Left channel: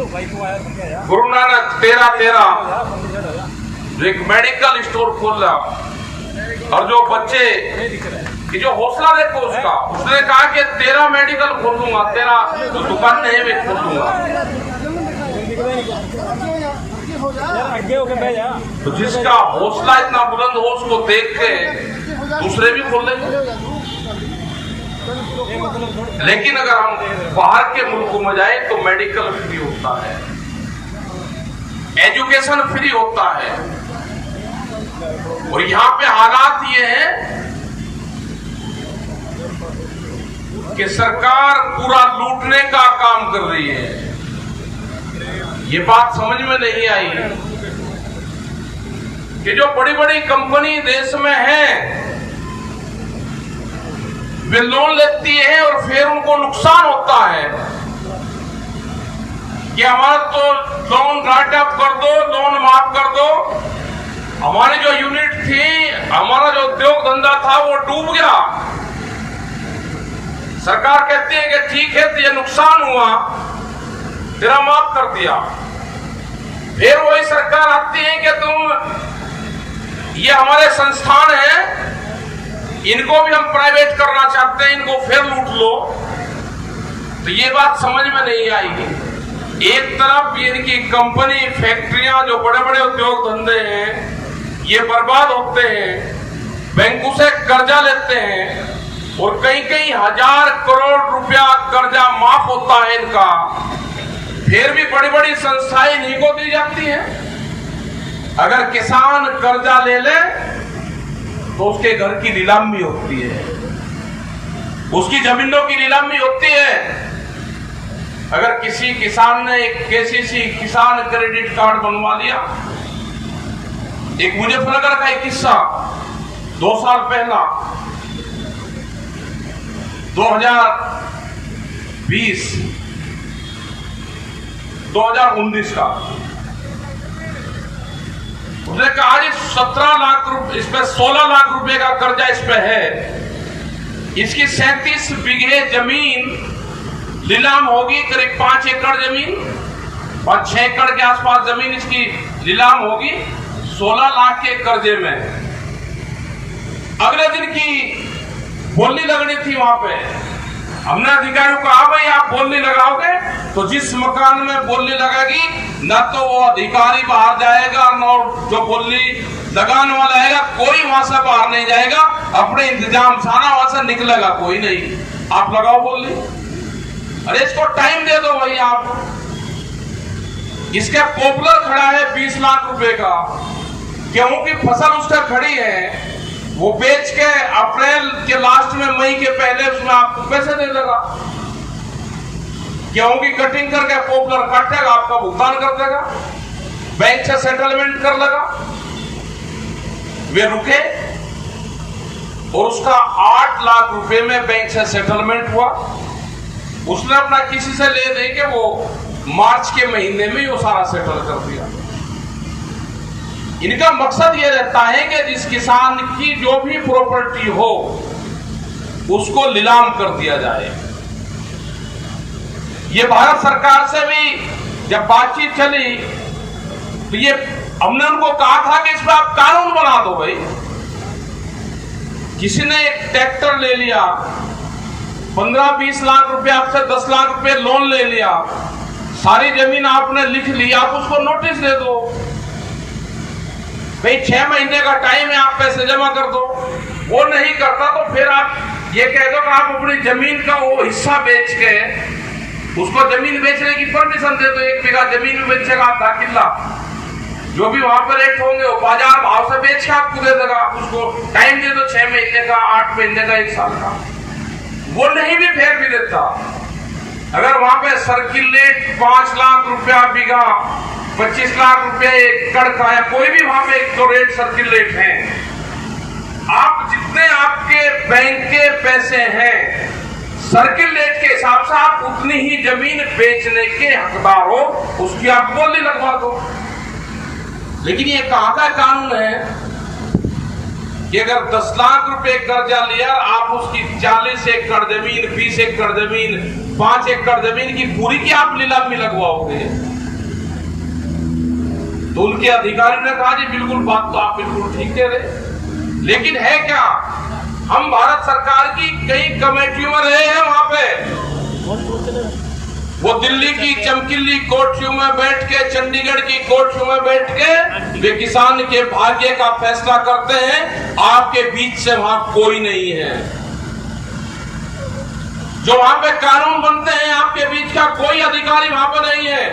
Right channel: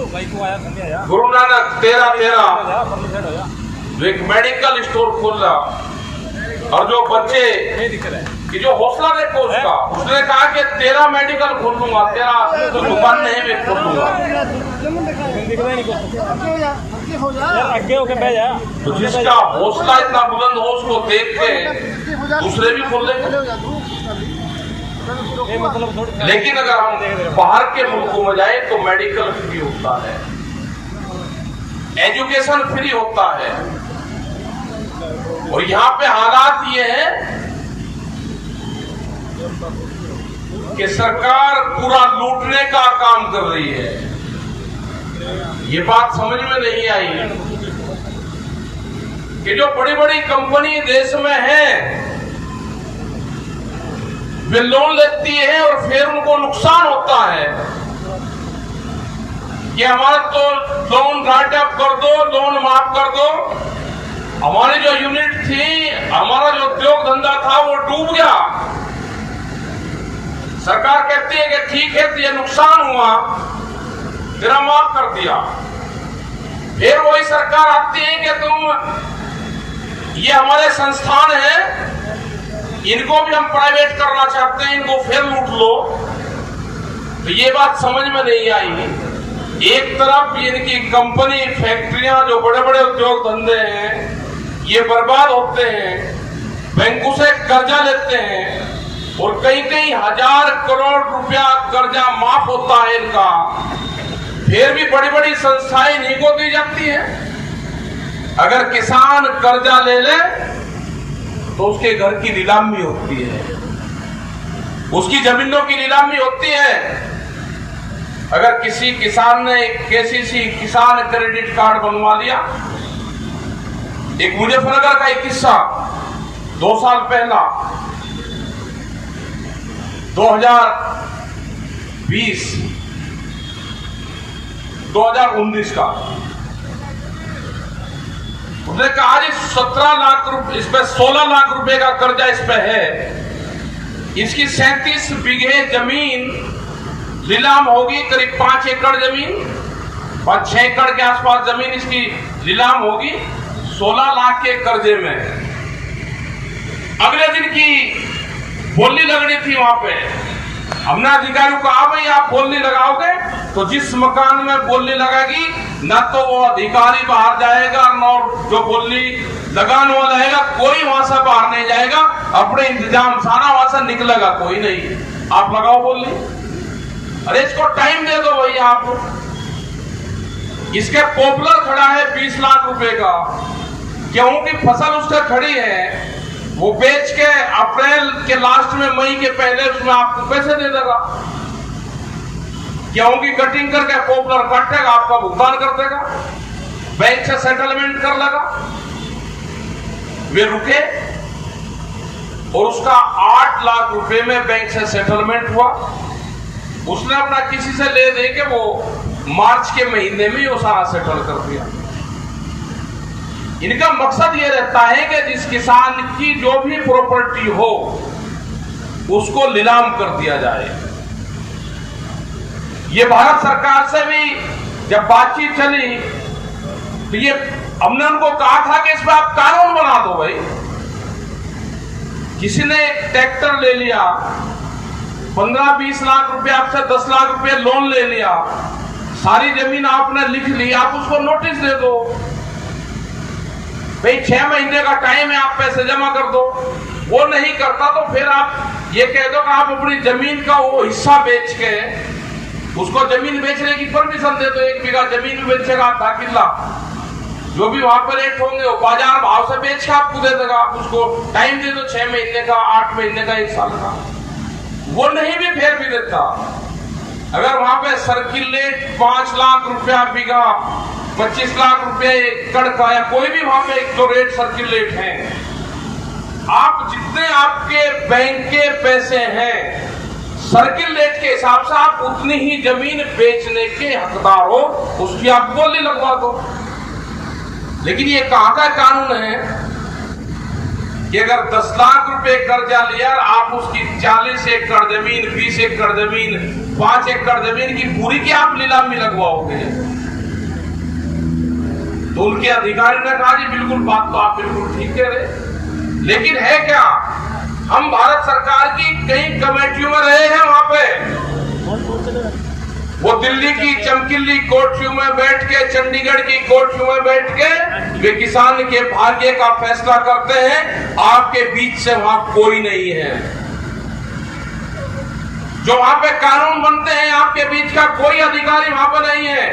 गुरु नानक 13 जो एक medical store खोला और जो बच्चे कि जो हौसला देखो उसका, उसने कहा कि 13 मेडिकल खोल दूंगा, 13 तो दुकान नहीं भी खोल दूंगा। तो जिसका हौसला इतना बुलंद हो उसको देख के दूसरे भी खोल देंगे। लेकिन अगर हम बाहर के मुल्कों में जाए तो मेडिकल फ्री होता है, एजुकेशन फ्री होता है, और यहाँ पे हालात ये है कि सरकार पूरा लूटने का काम कर रही है। ये बात समझ में नहीं आई कि जो बड़ी बड़ी कंपनी देश में है वे लोन लेती है और फिर उनको नुकसान होता है कि हमारा तो लोन राइट अप कर दो, लोन माफ कर दो। हमारी जो यूनिट थी, हमारा जो उद्योग धंधा था वो डूब गया। सरकार कहती है कि ठीक है तो ये नुकसान हुआ, तेरा माफ कर दिया। फिर वही सरकार आती है कि तुम ये हमारे संस्थान हैं, इनको भी हम प्राइवेट करना चाहते हैं, इनको फिर लूट लो। तो ये बात समझ में नहीं आई। एक तरफ इनकी कंपनी, फैक्ट्रियां, जो बड़े बड़े उद्योग धंधे हैं ये बर्बाद होते हैं, बैंकों से कर्जा लेते हैं और कई कई हजार करोड़ रुपया कर्जा माफ होता है इनका, फिर भी बड़ी बड़ी संस्थाएं इन्हीं को दी जाती हैं। अगर किसान कर्जा ले ले तो उसके घर की नीलामी होती है, उसकी जमीनों की नीलामी होती है। अगर किसी किसान ने एक केसीसी किसान क्रेडिट कार्ड बनवा लिया, एक मुजफ्फरनगर का एक किस्सा 2 साल पहला 2019 का, उसने कहा जी 17 लाख रुपए, इस पे 16 लाख रुपए का कर्जा इस पे है, इसकी 37 बीघे जमीन नीलाम होगी, करीब 5 एकड़ जमीन, 5-6 एकड़ के आसपास जमीन इसकी नीलाम होगी 16 लाख के कर्जे में। अगले दिन की बोली लगनी थी वहां पे, हमने अधिकारियों को कहा भाई आप बोली लगाओगे तो जिस मकान में बोली लगेगी न तो वो अधिकारी बाहर जाएगा, न जो बोली लगाने वाला है कोई वहां से बाहर नहीं जाएगा, अपने इंतजाम सारा वहां से निकलेगा कोई नहीं, आप लगाओ बोली। अरे इसको टाइम दे दो भाई आप। इसके पॉपुलर खड़ा है 20 लाख रुपए का, गेहूं की फसल उसका खड़ी है, वो बेच के अप्रैल के लास्ट में मई के पहले उसमें आपको पैसे दे देगा। गेहूं की कटिंग करके पॉपुलर काटेगा, आपका भुगतान कर देगा, बैंक से सेटलमेंट कर लेगा। वे रुके और उसका 8 लाख रुपए में बैंक से सेटलमेंट हुआ। उसने अपना किसी से ले दे के वो मार्च के महीने में वो सारा सेटल कर दिया। इनका मकसद ये रहता है कि जिस किसान की जो भी प्रॉपर्टी हो उसको नीलाम कर दिया जाए। ये भारत सरकार से भी जब बातचीत चली तो ये हमने उनको कहा था कि इस पर आप कानून बना दो भाई। किसी ने एक ट्रैक्टर ले लिया, 15-20 लाख रुपए आपसे 10 लाख रुपए लोन ले लिया, सारी जमीन आपने लिख ली, आप उसको नोटिस दे दो भाई 6 महीने का टाइम है, आप पैसे जमा कर दो। वो नहीं करता तो फिर आप ये कह दो कि आप अपनी जमीन का वो हिस्सा बेच के उसको जमीन बेचने की परमिशन दे दो। 1 बीघा जमीन बेचेगा आधा किला, जो भी वहां पर रेट होंगे वो बाजार भाव से बेच के आपको दे देगा। आप उसको टाइम दे दो 6 महीने का, 8 महीने का, 1 साल का। वो नहीं भी फेर भी देता। अगर वहां पे सर्किल रेट 5 लाख रुपया बीघा, 25 लाख रुपया एकड़ का है, कोई भी वहां पे एक तो रेट सर्किल रेट है, आप जितने आपके बैंक के पैसे हैं सर्किल रेट के हिसाब से आप उतनी ही जमीन बेचने के हकदार हो, उसकी आप बोली लगवा दो। लेकिन ये कहां का कानून है कि अगर 10 लाख रुपए कर्जा लिया, आप उसकी 40 एकड़ जमीन, 20 एकड़ जमीन, 5 एकड़ जमीन की पूरी की आप नीलामी लगवाओगे। तो उनके अधिकारी ने कहा जी बिल्कुल, बात तो आप बिल्कुल ठीक कह रहे, लेकिन है क्या, हम भारत सरकार की कई कमेटियों में रहे हैं, वहां पे वो दिल्ली की चमकीली कोठरियों में बैठ के, चंडीगढ़ की कोठरियों में बैठ के वे किसान के भाग्य का फैसला करते हैं। आपके बीच से वहां कोई नहीं है। जो वहां पे कानून बनते हैं, आपके बीच का कोई अधिकारी वहां पर नहीं है।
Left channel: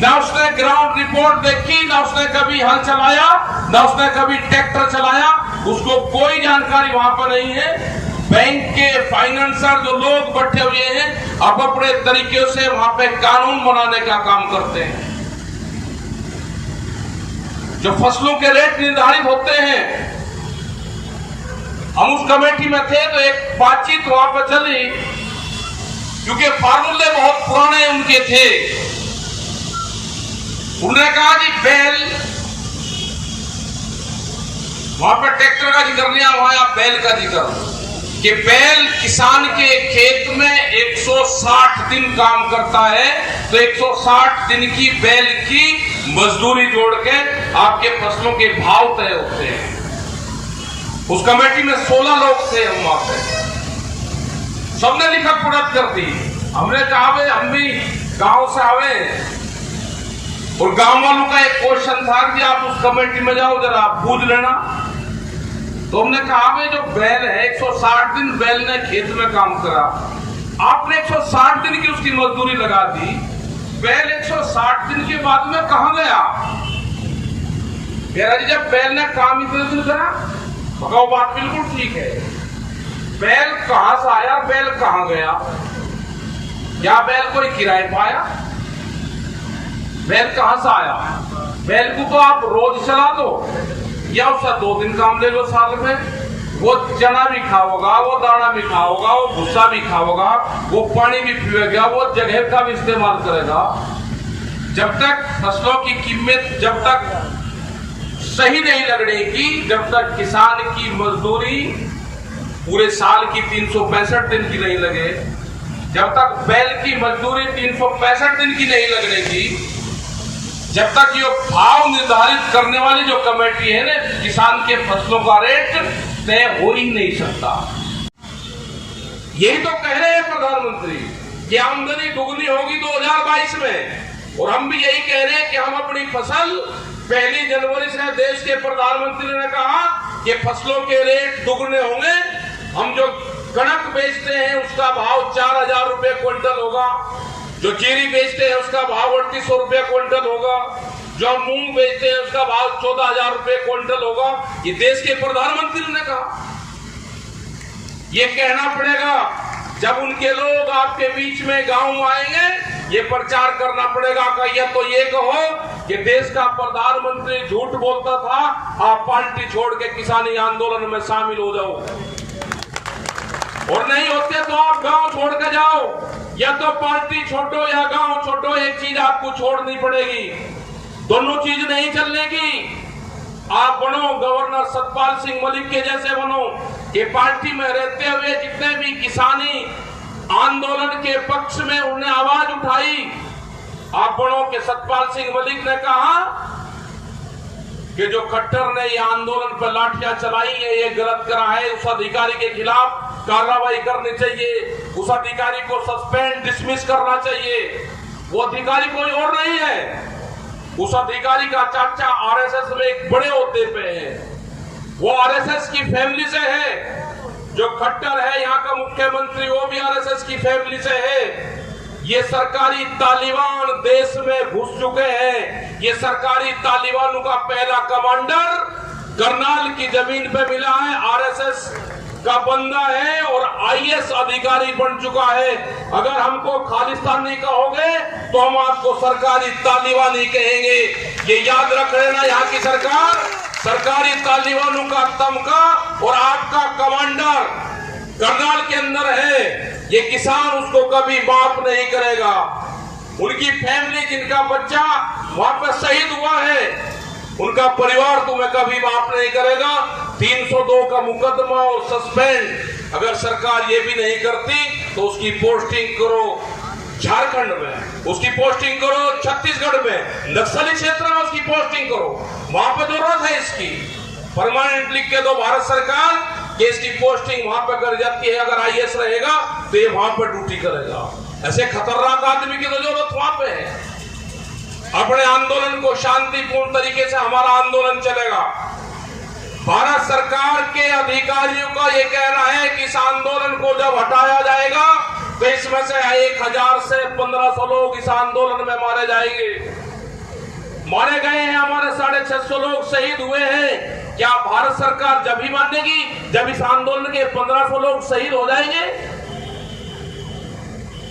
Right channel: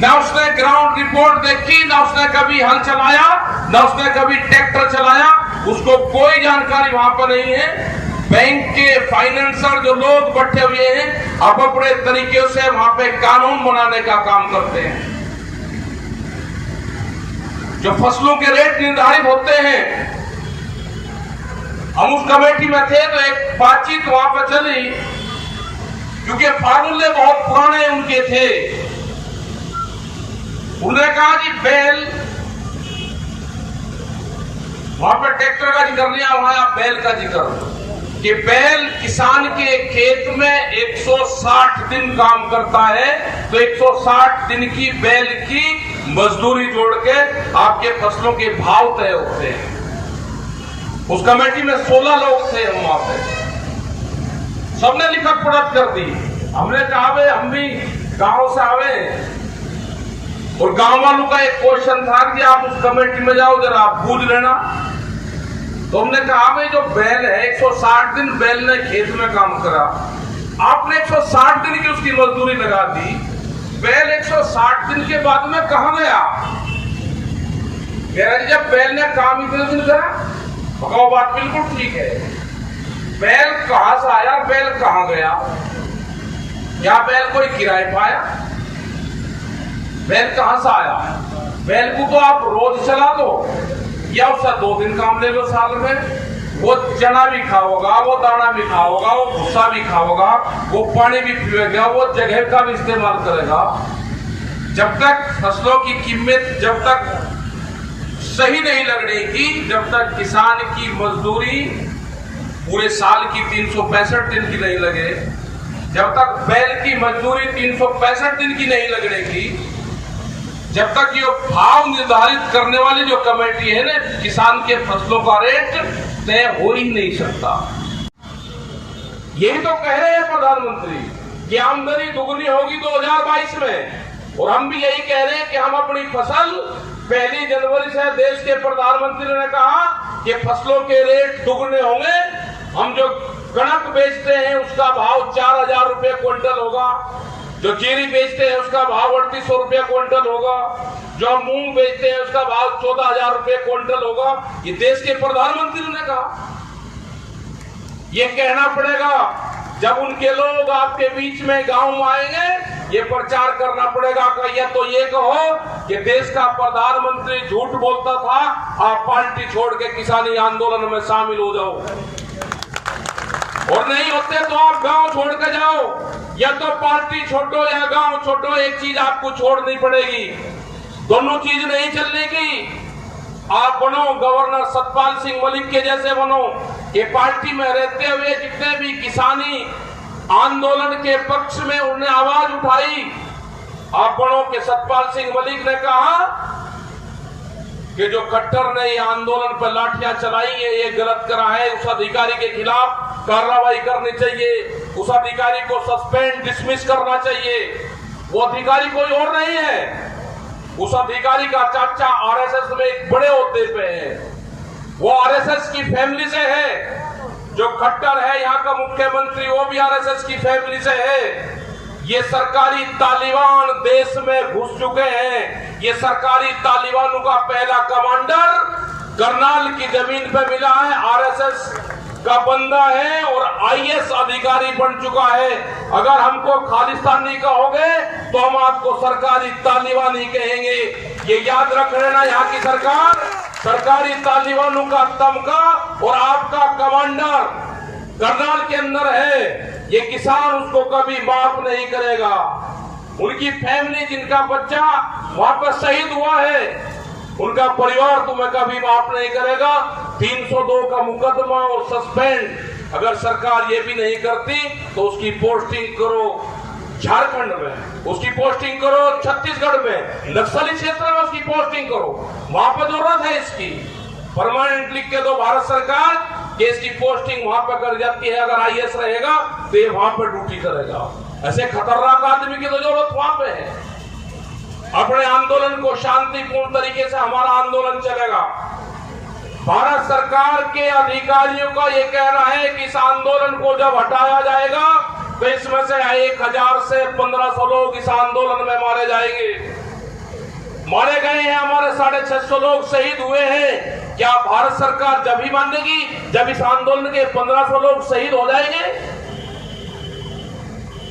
ना उसने ग्राउंड रिपोर्ट देखी, ना उसने कभी हल चलाया, ना उसने कभी ट्रैक्टर चलाया, उसको कोई जानकारी वहां पर नहीं है। बैंक के फाइनेंसर जो लोग बैठे हुए हैं, अब अपने तरीके से वहां पे कानून बनाने का काम करते हैं। जो फसलों के रेट निर्धारित होते हैं, हम उस कमेटी में थे तो एक बातचीत वहां पर चली, क्योंकि फार्मूले बहुत पुराने उनके थे। उन्होंने कहा जी बैल, वहां पर ट्रैक्टर का जिक्र लिया, वहां बैल का जिक्र, कि बैल किसान के खेत में 160 दिन काम करता है, तो 160 दिन की बैल की मजदूरी जोड़ के आपके फसलों के भाव तय होते हैं। उस कमेटी में 16 लोग थे, हम वहां पे सबने लिखत पढ़त कर दी। हमने कहा भाई हम भी गांव से आवे, और गांव वालों का एक क्वेश्चन था कि आप उस कमेटी में जाओ, जरा आप पूछ लेना। तो हमने कहा भाई जो बैल है 160 दिन बैल ने खेत में काम करा, आपने 160 दिन की उसकी मजदूरी लगा दी, बैल 160 दिन के बाद में कहां गया? कह रहा जी जब बैल ने काम इतने दिन करा। वो बात बिल्कुल ठीक है, बैल कहां से आया, बैल कहां गया? क्या बैल कोई किराए पाया? बैल कहां से आया? बैल को तो आप रोज चला दो, या उससे 2 दिन काम ले लो साल में, वो चना भी खाओगा, वो दाना भी खाओगा, वो भूसा भी खाओगा, वो पानी भी पिएगा, वो जगह का भी इस्तेमाल करेगा। जब तक फसलों की कीमत जब तक सही नहीं लगेगी, जब तक किसान की मजदूरी पूरे साल की 365 दिन की नहीं लगे, जब तक बैल की मजदूरी 365 दिन की नहीं लगेगी, जब तक ये भाव निर्धारित करने वाली जो कमेटी है ना, किसान के फसलों का रेट तय हो ही नहीं सकता। यही तो कह रहे हैं प्रधानमंत्री कि आमदनी दुगनी होगी 2022 में, और हम भी यही कह रहे हैं कि हम अपनी फसल 1 जनवरी से, देश के प्रधानमंत्री ने कहा कि फसलों के रेट दुगने होंगे। हम जो कणक बेचते हैं उसका भाव 4000 रुपए क्विंटल होगा, जो जीरी बेचते हैं उसका भाव 3800 रुपए क्विंटल होगा, जो मूंग बेचते हैं उसका भाव 14000 रुपए क्विंटल होगा। ये देश के प्रधानमंत्री ने कहा। ये कहना पड़ेगा जब उनके लोग आपके बीच में गांव में आएंगे, ये प्रचार करना पड़ेगा कि या तो ये कहो कि देश का प्रधानमंत्री झूठ बोलता था, आप पार्टी छोड़ के किसानी आंदोलन में शामिल हो जाओ, और नहीं होते तो आप गांव छोड़ के जाओ। या तो पार्टी छोड़ो या गांव छोड़ो, एक चीज आपको छोड़नी पड़ेगी, दोनों चीज नहीं चलने की। आप बनो गवर्नर सतपाल सिंह मलिक के जैसे बनो, कि पार्टी में रहते हुए जितने भी किसानी आंदोलन के पक्ष में उन्हें आवाज उठाई, आप बनो कि सतपाल सिंह मलिक ने कहा कि जो खट्टर ने ये आंदोलन पर लाठियां चलाई है, ये गलत करा है, उस अधिकारी के खिलाफ कार्रवाई करनी चाहिए, उस अधिकारी को सस्पेंड डिसमिस करना चाहिए। वो अधिकारी कोई और नहीं है, उस अधिकारी का चाचा आरएसएस में एक बड़े ओहदे पे है, वो आरएसएस की फैमिली से है। जो खट्टर है यहाँ का मुख्यमंत्री, वो भी आरएसएस की फैमिली से है। ये सरकारी तालिबान देश में घुस चुके हैं। ये सरकारी तालिबानों का पहला कमांडर करनाल की जमीन पे मिला है, आरएसएस का बंदा है और आईएएस अधिकारी बन चुका है। अगर हमको खालिस्तानी कहोगे तो हम आपको सरकारी तालिबानी कहेंगे। ये याद रख लेना, यहाँ की सरकार सरकारी तालिबानों का तमगा और आपका कमांडर करनाल के अंदर है। ये किसान उसको कभी माफ नहीं करेगा। उनकी फैमिली, जिनका बच्चा वहां पर शहीद हुआ है, उनका परिवार तुम्हें कभी माफ नहीं करेगा। 302 का मुकदमा और सस्पेंड अगर सरकार ये भी नहीं करती तो उसकी पोस्टिंग करो झारखंड में, उसकी पोस्टिंग करो छत्तीसगढ़ में, नक्सली क्षेत्र में उसकी पोस्टिंग करो, वहां पर जरूरत है इसकी। परमानेंट लिख के दो भारत सरकार कि इसकी पोस्टिंग वहां पर कर जाती है। अगर आईएएस रहेगा तो ये वहां पर ड्यूटी करेगा। ऐसे खतरनाक आदमी की तो जरूरत वहां पे है। अपने आंदोलन को शांतिपूर्ण तरीके से हमारा आंदोलन चलेगा। भारत सरकार के अधिकारियों का ये कहना है कि इस आंदोलन को जब हटाया जाएगा तो इसमें से 1000 से 1500 लोग इस आंदोलन में मारे जाएंगे। मारे गए हैं, हमारे 650 लोग शहीद हुए हैं। क्या भारत सरकार जब ही मानेगी जब इस आंदोलन के 1500 लोग शहीद हो जाएंगे?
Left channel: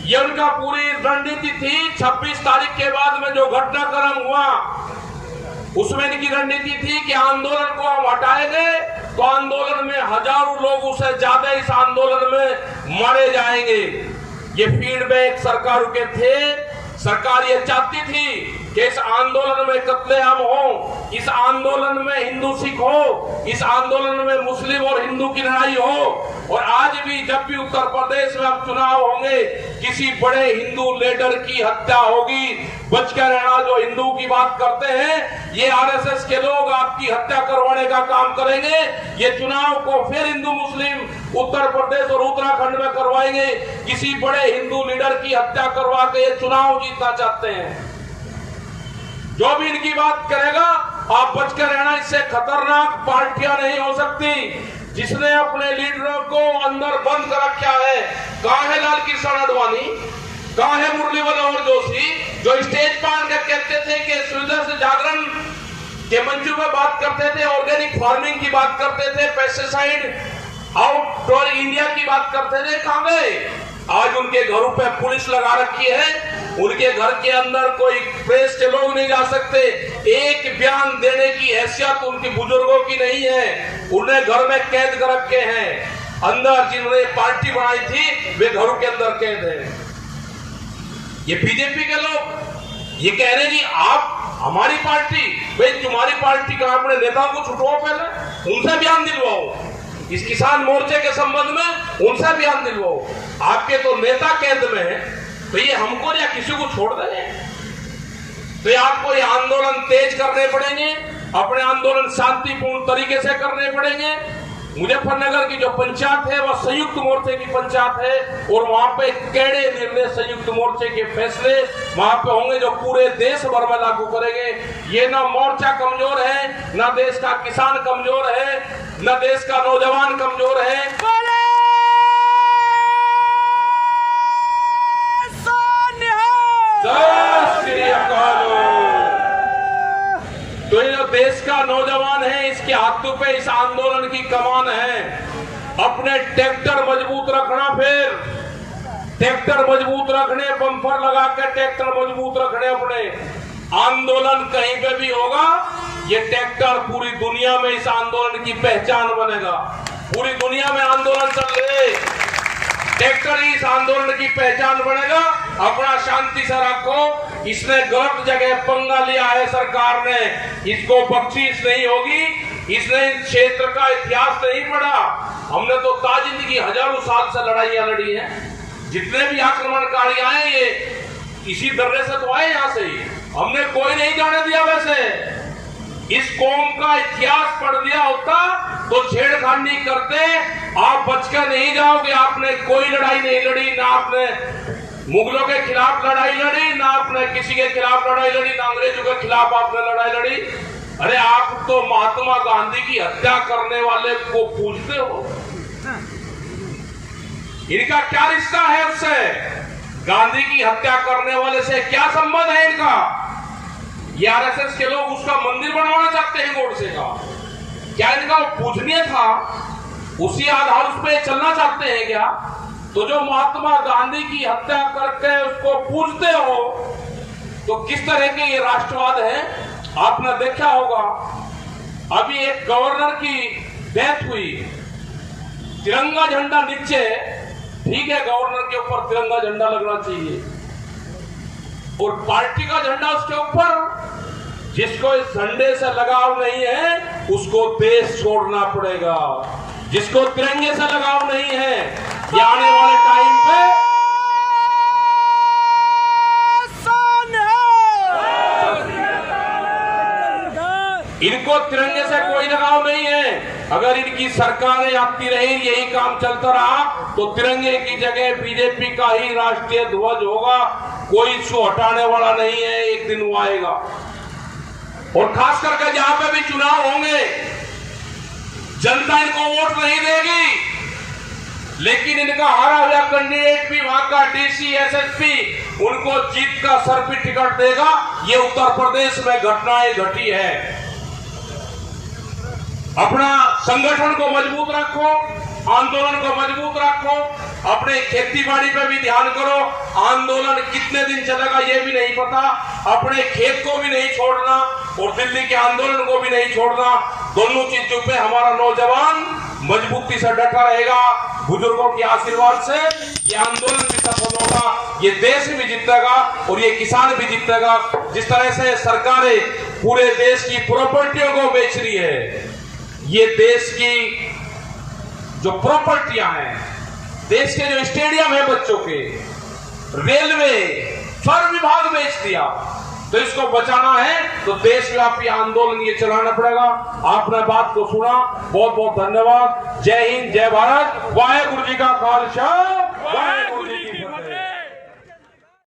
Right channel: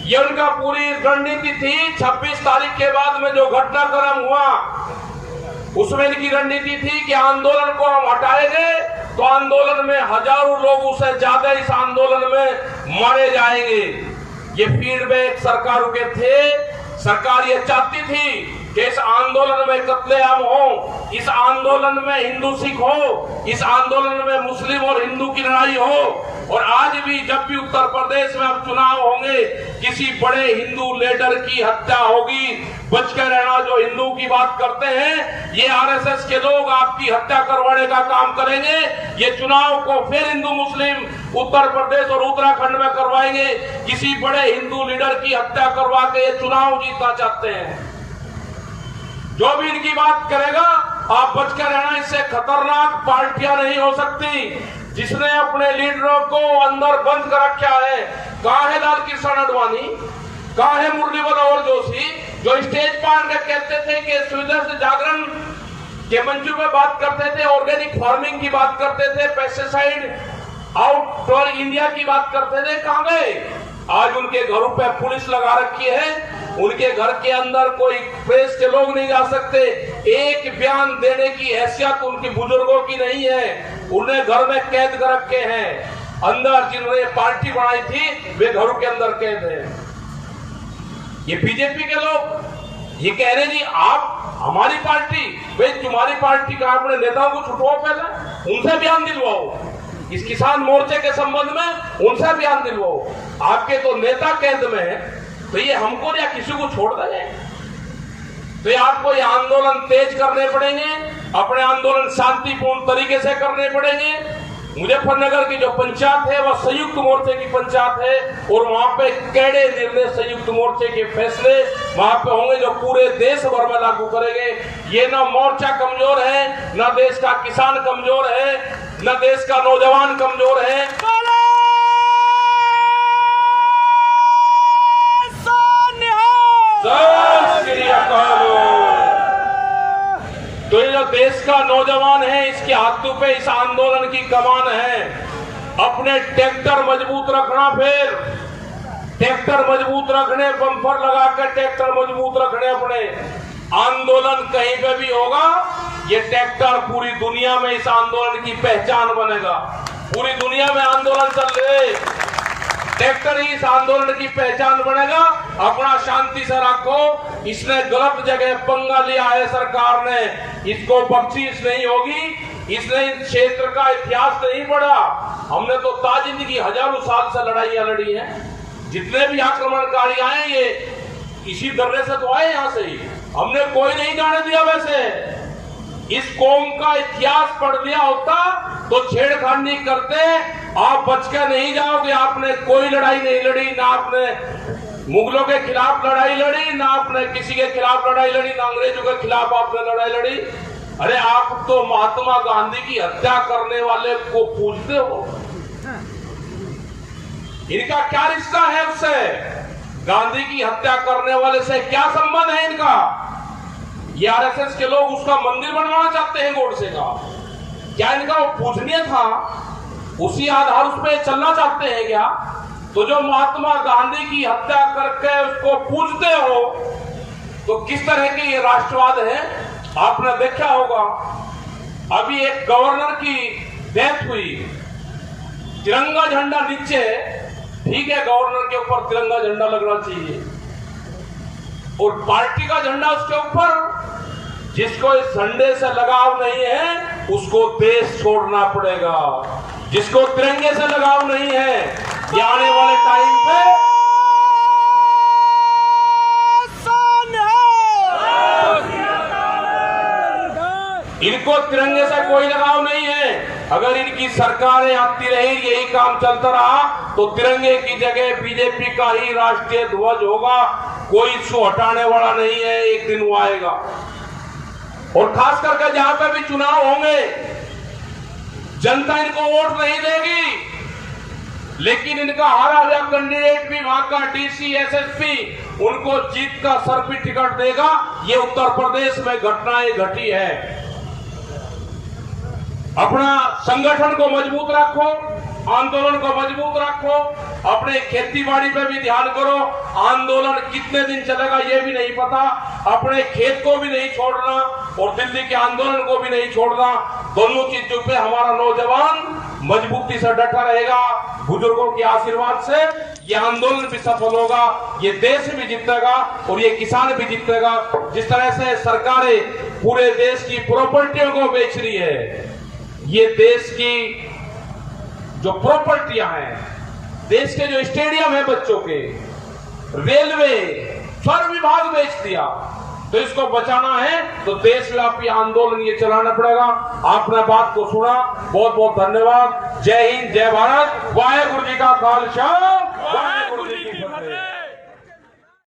ये उनका पूरी रणनीति थी। 26 तारीख के बाद में जो घटनाक्रम हुआ उसमें इनकी रणनीति थी कि आंदोलन को हम हटाएंगे तो आंदोलन में हजारों लोग उससे ज्यादा इस आंदोलन में मारे जाएंगे। ये फीडबैक सरकार के थे। सरकार ये चाहती थी कि इस आंदोलन में कत्लेआम हो, इस आंदोलन में हिंदू सिख हो, इस आंदोलन में मुस्लिम और हिंदू की लड़ाई हो। और आज भी जब भी उत्तर प्रदेश में अब चुनाव होंगे, किसी बड़े हिंदू लीडर की हत्या होगी, बच के रहना। जो हिंदू की बात करते हैं ये आरएसएस के लोग आपकी हत्या करवाने का काम करेंगे। ये चुनाव को फिर हिंदू मुस्लिम उत्तर प्रदेश और उत्तराखंड में करवाएंगे। किसी बड़े हिंदू लीडर की हत्या करवा के ये चुनाव जीतना चाहते हैं। जो भी इनकी बात करेगा आप बच कर रहना। इससे खतरनाक पार्टियां नहीं हो सकती। जिसने अपने लीडरों को अंदर बंद कर रखा है, कहाँ है लाल कृष्ण आडवाणी, कहाँ है मुरली मनोहर जोशी, जो स्टेज पर कहते थे कि सुविधा से जागरण के मंचों में बात करते थे, ऑर्गेनिक फार्मिंग की बात करते थे, पेस्टिसाइड आउटडोर इंडिया की बात करते थे, कहाँ गए? आज उनके घरों पे पुलिस लगा रखी है। उनके घर के अंदर कोई प्रेस के लोग नहीं जा सकते। एक बयान देने की हैसियत उनकी बुजुर्गों की नहीं है। उन्हें घर में कैद कर रखे हैं। अंदर जिन्होंने पार्टी बनाई थी वे घरों के अंदर कैद है। ये बीजेपी के लोग ये कह रहे जी आप हमारी पार्टी, भाई तुम्हारी पार्टी का अपने नेताओं को छुटवाओ, पहले उनसे बयान दिलवाओ। इस किसान मोर्चे के संबंध में उनसे बयान दिलवाओ। आपके तो नेता कैद में है, तो ये हमको या किसी को छोड़ देंगे? तो ये आपको ये आंदोलन तेज करने पड़ेंगे। अपने आंदोलन शांतिपूर्ण तरीके से करने पड़ेंगे। मुजफ्फरनगर की जो पंचायत है वह संयुक्त मोर्चे की पंचायत है और वहां पे कड़े निर्णय संयुक्त मोर्चे के फैसले वहां पे होंगे जो पूरे देश भर में लागू करेंगे। ये ना मोर्चा कमजोर है, ना देश का किसान कमजोर है, ना देश का नौजवान कमजोर है। तो ये जो देश का नौजवान है इसके हाथों पे इस आंदोलन की कमान है। अपने ट्रैक्टर मजबूत रखना, फिर ट्रैक्टर मजबूत रखने, बम्पर लगा कर ट्रैक्टर मजबूत रखने। अपने आंदोलन कहीं पे भी होगा ये ट्रैक्टर पूरी दुनिया में इस आंदोलन की पहचान बनेगा। पूरी दुनिया में आंदोलन चल रहे, ट्रैक्टर ही इस आंदोलन की पहचान बनेगा। अपना शांति से रखो। इसने गलत जगह पंगा लिया है सरकार ने, इसको बख्शीश नहीं होगी। इसने इस क्षेत्र का इतिहास नहीं पढ़ा। हमने तो ताजिंदगी हजारों साल से लड़ाइयां लड़ी हैं। जितने भी आक्रमणकारी आए ये इसी दर्रे से तो आए, यहां से ही हमने कोई नहीं जाने दिया। वैसे इस कौम का इतिहास पढ़ लिया होता तो छेड़खानी करते, आप बचकर नहीं जाओगे। आपने कोई लड़ाई नहीं लड़ी, ना आपने मुगलों के खिलाफ लड़ाई लड़ी, ना आपने किसी के खिलाफ लड़ाई लड़ी, ना अंग्रेजों के खिलाफ आपने लड़ाई लड़ी। अरे आप तो महात्मा गांधी की हत्या करने वाले को पूछते हो। इनका क्या रिश्ता है उससे? गांधी की हत्या करने वाले से क्या संबंध है इनका? ये आरएसएस के लोग उसका मंदिर बनवाना चाहते हैं गोडसे का। क्या इनका वो पूजनीय था? उसी आधार उस पर चलना चाहते हैं क्या? तो जो महात्मा गांधी की हत्या करके उसको पूजते हो तो किस तरह के ये राष्ट्रवाद है? आपने देखा होगा अभी एक गवर्नर की डेथ हुई, तिरंगा झंडा नीचे, ठीक है गवर्नर के ऊपर तिरंगा झंडा लगना चाहिए और पार्टी का झंडा उसके ऊपर। जिसको इस झंडे से लगाव नहीं है उसको देश छोड़ना पड़ेगा। जिसको तिरंगे से लगाव नहीं है, ये आने वाले टाइम पे इनको तिरंगे से कोई लगाव नहीं है। अगर इनकी सरकारें आती रही, यही काम चलता रहा, तो तिरंगे की जगह बीजेपी का ही राष्ट्रीय ध्वज होगा। कोई इसको हटाने वाला नहीं है, एक दिन वो आएगा। और खास करके जहां पे भी चुनाव होंगे, जनता इनको वोट नहीं देगी, लेकिन इनका हारा हुआ कैंडिडेट भी, वहां का डीसी एसएसपी, उनको जीत का सर्टिफिकेट देगा। ये उत्तर प्रदेश में घटनाएं घटी है। अपना संगठन को मजबूत रखो, आंदोलन को मजबूत रखो, अपने खेतीबाड़ी पे भी ध्यान करो। आंदोलन कितने दिन चलेगा ये भी नहीं पता। अपने खेत को भी नहीं छोड़ना और दिल्ली के आंदोलन को भी नहीं छोड़ना। दोनों चीजों पे हमारा नौजवान मजबूती से डटा रहेगा। बुजुर्गों के आशीर्वाद से ये आंदोलन भी सफल होगा, ये देश भी जीतेगा और ये किसान भी जीतेगा। जिस तरह से सरकारें पूरे देश की प्रॉपर्टियों को बेच रही है, ये देश की जो प्रॉपर्टियां हैं, देश के जो स्टेडियम है बच्चों के, रेलवे, हर विभाग बेच दिया। तो इसको बचाना है तो देशव्यापी आंदोलन ये चलाना पड़ेगा। आपने बात को सुना, बहुत बहुत धन्यवाद। जय हिंद, जय भारत, वाहेगुरु जी का खालसा, वाहेगुरु जी की फतेह।